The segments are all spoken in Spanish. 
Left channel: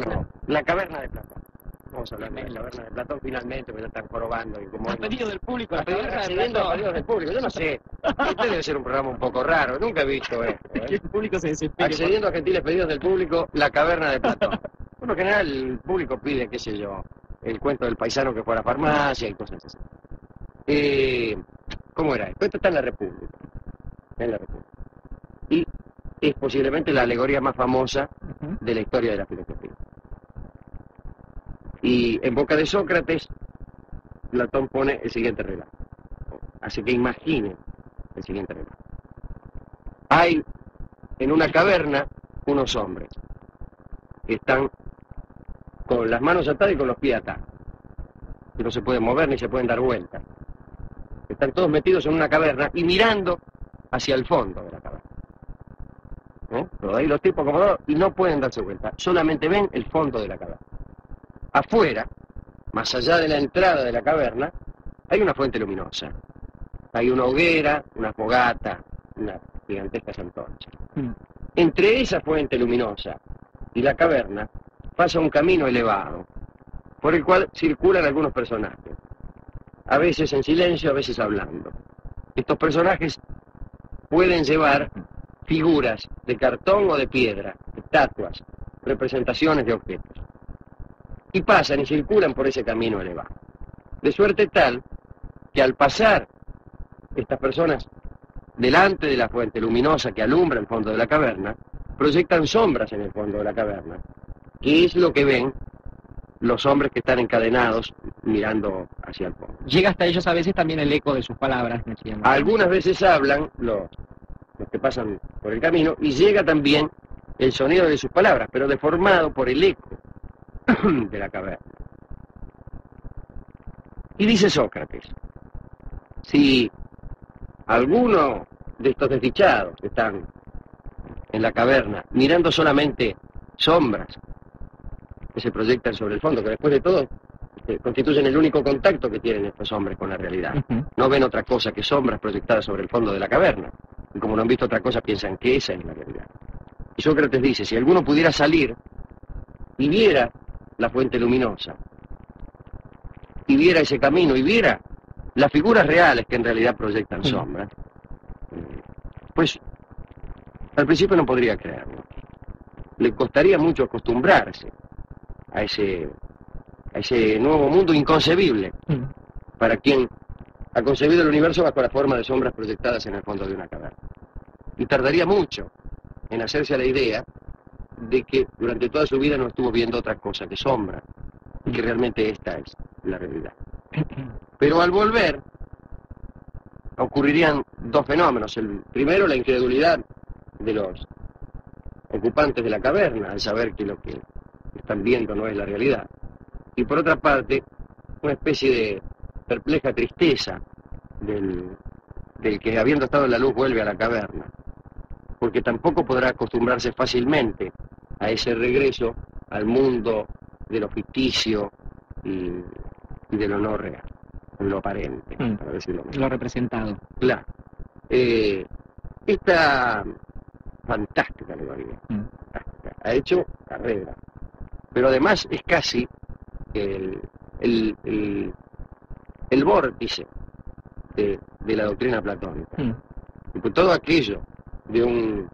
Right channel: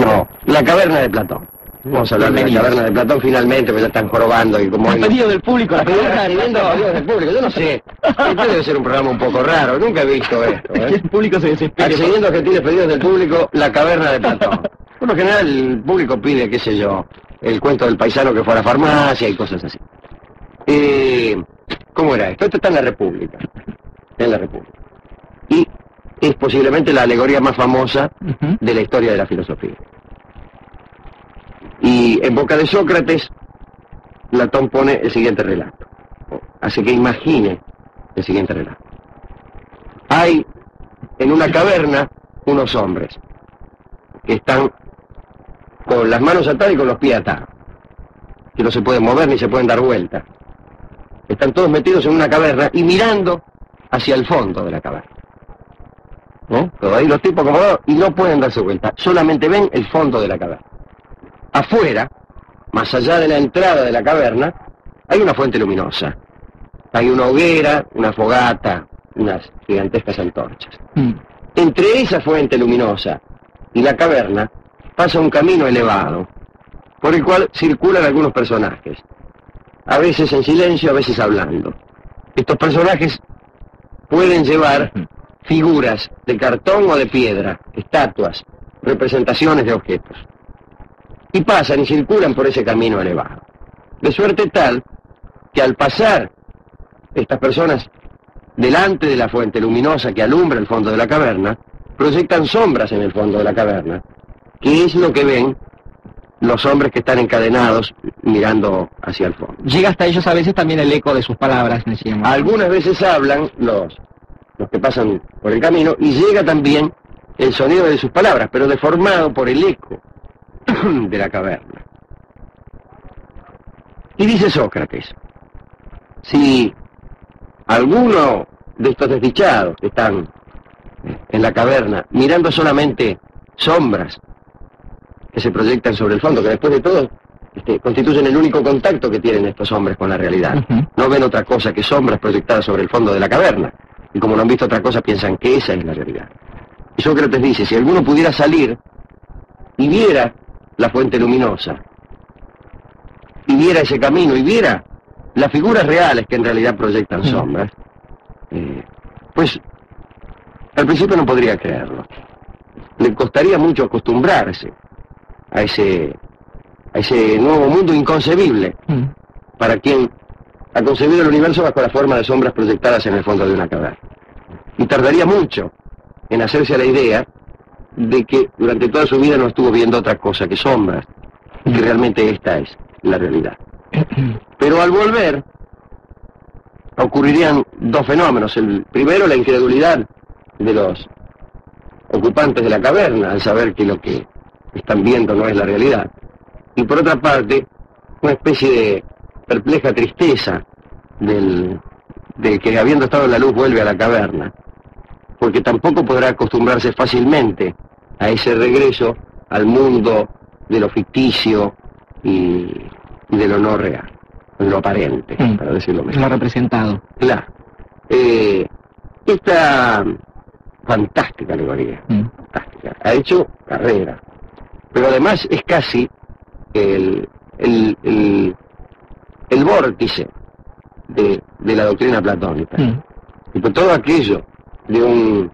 Bueno, la caverna de Platón. Vamos a hablar de la caverna de Platón finalmente, porque ya están jorobando y como... El pedido del público, la caverna de Platón. Pedido del público, yo no sé. Este debe ser un programa un poco raro, nunca he visto esto, ¿eh? El público se desespera. Accediendo a que tiene pedidos del público, la caverna de Platón. Por lo general el público pide, qué sé yo, el cuento del paisano que fue a la farmacia y cosas así. ¿Cómo era esto? Esto está en la República. En la República. Y es posiblemente la alegoría más famosa de la historia de la filosofía. Y en boca de Sócrates, Platón pone el siguiente relato. Así que imagine el siguiente relato. Hay en una caverna unos hombres que están con las manos atadas y con los pies atados, que no se pueden mover ni se pueden dar vuelta. Están todos metidos en una caverna y mirando hacia el fondo de la caverna. Todos ahí los tipos acomodados y no pueden darse vuelta, solamente ven el fondo de la caverna. Afuera, más allá de la entrada de la caverna, hay una fuente luminosa. Hay una hoguera, una fogata, unas gigantescas antorchas. Entre esa fuente luminosa y la caverna pasa un camino elevado, por el cual circulan algunos personajes, a veces en silencio, a veces hablando. Estos personajes pueden llevar figuras de cartón o de piedra, estatuas, representaciones de objetos. Y pasan y circulan por ese camino elevado. De suerte tal que al pasar estas personas delante de la fuente luminosa que alumbra el fondo de la caverna, proyectan sombras en el fondo de la caverna, que es lo que ven los hombres que están encadenados mirando hacia el fondo. Llega hasta ellos a veces también el eco de sus palabras, decíamos. Algunas veces hablan los que pasan por el camino y llega también el sonido de sus palabras, pero deformado por el eco de la caverna. Y dice Sócrates, si alguno de estos desdichados que están en la caverna mirando solamente sombras que se proyectan sobre el fondo, que después de todo constituyen el único contacto que tienen estos hombres con la realidad, no ven otra cosa que sombras proyectadas sobre el fondo de la caverna, y como no han visto otra cosa piensan que esa es la realidad. Y Sócrates dice, si alguno pudiera salir y viera la fuente luminosa, y viera ese camino, y viera las figuras reales que en realidad proyectan sombras, pues al principio no podría creerlo. Le costaría mucho acostumbrarse a ese nuevo mundo inconcebible para quien ha concebido el universo bajo la forma de sombras proyectadas en el fondo de una caverna. Y tardaría mucho en hacerse a la idea de que durante toda su vida no estuvo viendo otra cosa que sombras, y que realmente esta es la realidad. Pero al volver, ocurrirían dos fenómenos. El primero, la incredulidad de los ocupantes de la caverna, al saber que lo que están viendo no es la realidad. Y por otra parte, una especie de perpleja tristeza del que habiendo estado en la luz vuelve a la caverna, porque tampoco podrá acostumbrarse fácilmente a ese regreso al mundo de lo ficticio y de lo no real, lo aparente, para decirlo mejor. Lo representado. Claro. Esta fantástica alegoría, fantástica, ha hecho carrera, pero además es casi el vórtice de la doctrina platónica. Y por todo aquello de un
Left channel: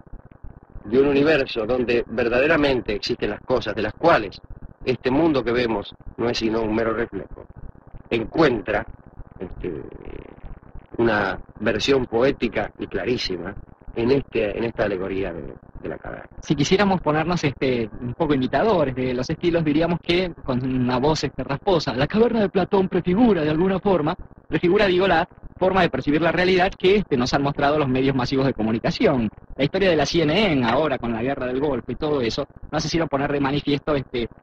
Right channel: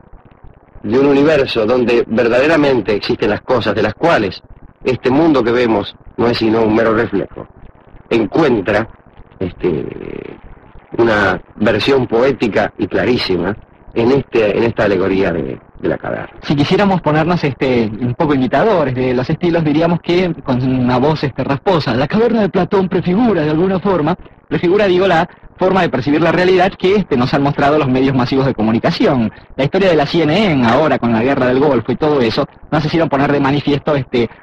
universo donde verdaderamente existen las cosas de las cuales este mundo que vemos no es sino un mero reflejo, encuentra una versión poética y clarísima en esta alegoría de la caverna. Si quisiéramos ponernos un poco imitadores de los estilos, diríamos que con una voz rasposa, la caverna de Platón prefigura de alguna forma, la forma de percibir la realidad que nos han mostrado los medios masivos de comunicación. La historia de la CNN ahora con la guerra del Golfo y todo eso nos hicieron poner de manifiesto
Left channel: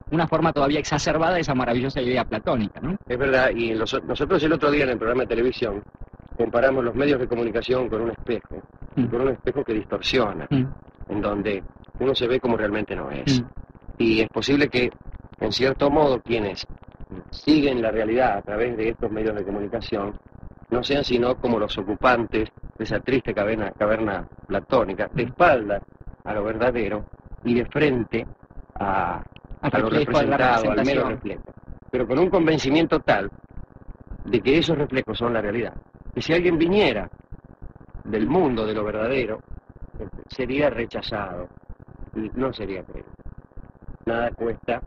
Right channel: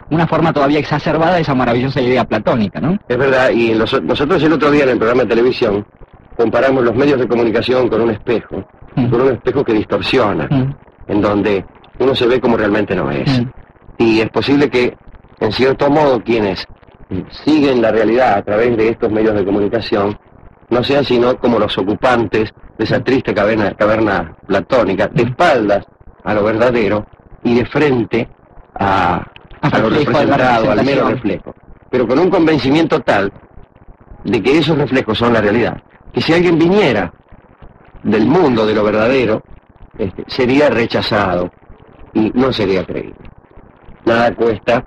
una forma todavía exacerbada de esa maravillosa idea platónica, ¿no? Es verdad, y nosotros el otro día en el programa de televisión comparamos los medios de comunicación con un espejo que distorsiona, en donde uno se ve como realmente no es. Y es posible que, en cierto modo, quienes siguen la realidad a través de estos medios de comunicación no sean sino como los ocupantes de esa triste caverna platónica, de espaldas a lo verdadero y de frente a Al a lo reflejo, a la representado, al mero representación. reflejo, pero con un convencimiento tal de que esos reflejos son la realidad, que si alguien viniera del mundo, de lo verdadero, sería rechazado y no sería creíble. Nada cuesta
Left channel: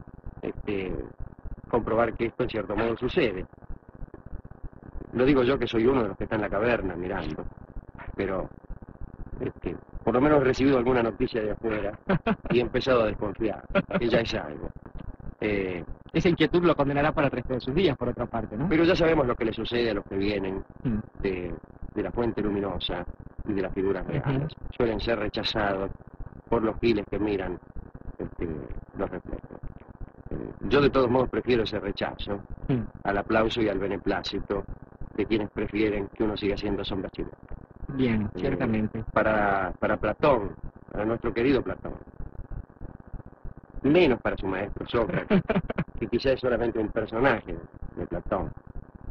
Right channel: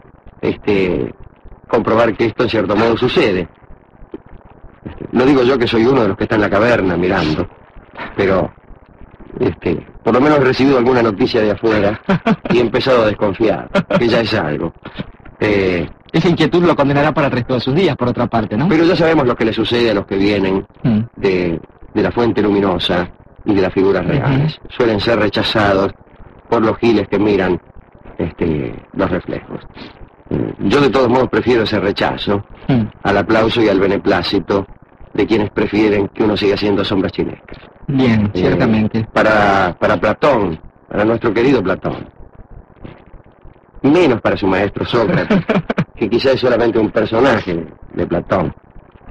comprobar que esto en cierto modo sucede. Lo digo yo, que soy uno de los que está en la caverna mirando, pero por lo menos he recibido alguna noticia de afuera y he empezado a desconfiar, que ya es algo. Esa inquietud lo condenará para el resto de sus días, por otra parte, ¿no? Pero ya sabemos lo que le sucede a los que vienen de la fuente luminosa y de las figuras reales. Suelen ser rechazados por los giles que miran los reflejos. Yo de todos modos prefiero ese rechazo al aplauso y al beneplácito de quienes prefieren que uno siga siendo sombras chinescas. Bien, ciertamente. Para Platón, para nuestro querido Platón, menos para su maestro Sócrates, que quizás es solamente un personaje de Platón.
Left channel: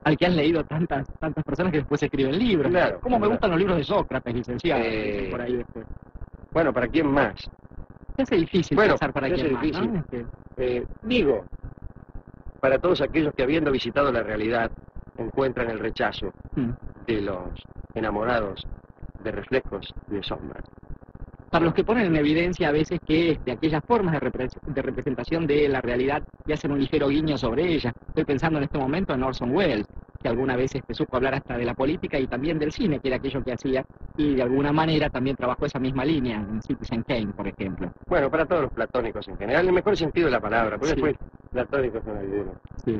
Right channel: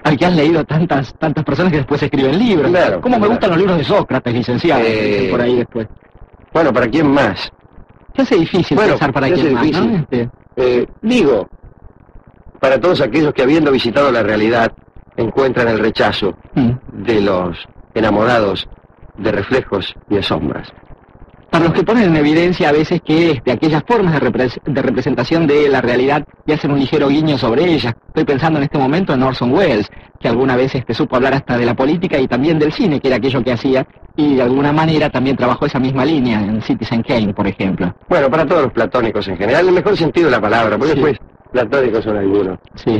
Al que has leído tantas personas que después escriben libros. Claro, ¿Cómo me claro. gustan los libros de Sócrates, licenciado? Dicen por ahí después. Bueno, ¿para quién más? Se hace difícil Bueno, pensar para se hace quién más, difícil. ¿no? Digo, para todos aquellos que habiendo visitado la realidad encuentran el rechazo de los enamorados de reflejos y de sombras. Para los que ponen en evidencia a veces que aquellas formas de representación de la realidad y hacen un ligero guiño sobre ellas. Estoy pensando en este momento en Orson Welles, que alguna vez supo hablar hasta de la política y también del cine, que era aquello que hacía, y de alguna manera también trabajó esa misma línea en Citizen Kane, por ejemplo. Bueno, para todos los platónicos en general, en el mejor sentido de la palabra, porque Sí. después platónicos son algunos. Sí.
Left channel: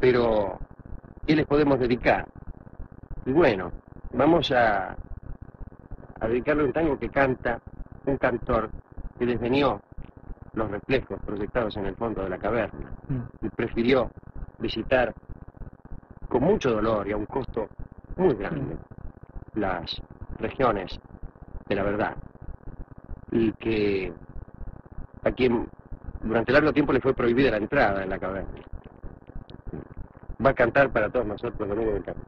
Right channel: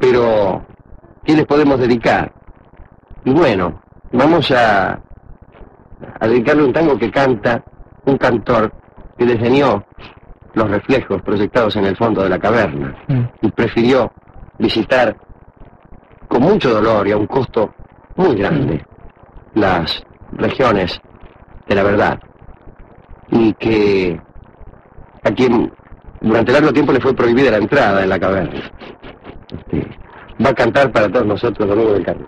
Pero, ¿qué les podemos dedicar? Y bueno, vamos a dedicarle un tango que canta un cantor que diseñó los reflejos proyectados en el fondo de la caverna y prefirió visitar con mucho dolor y a un costo muy grande las regiones de la verdad, y que a quien durante largo tiempo le fue prohibida la entrada en la caverna va a cantar para todos nosotros Domingo del Carmen.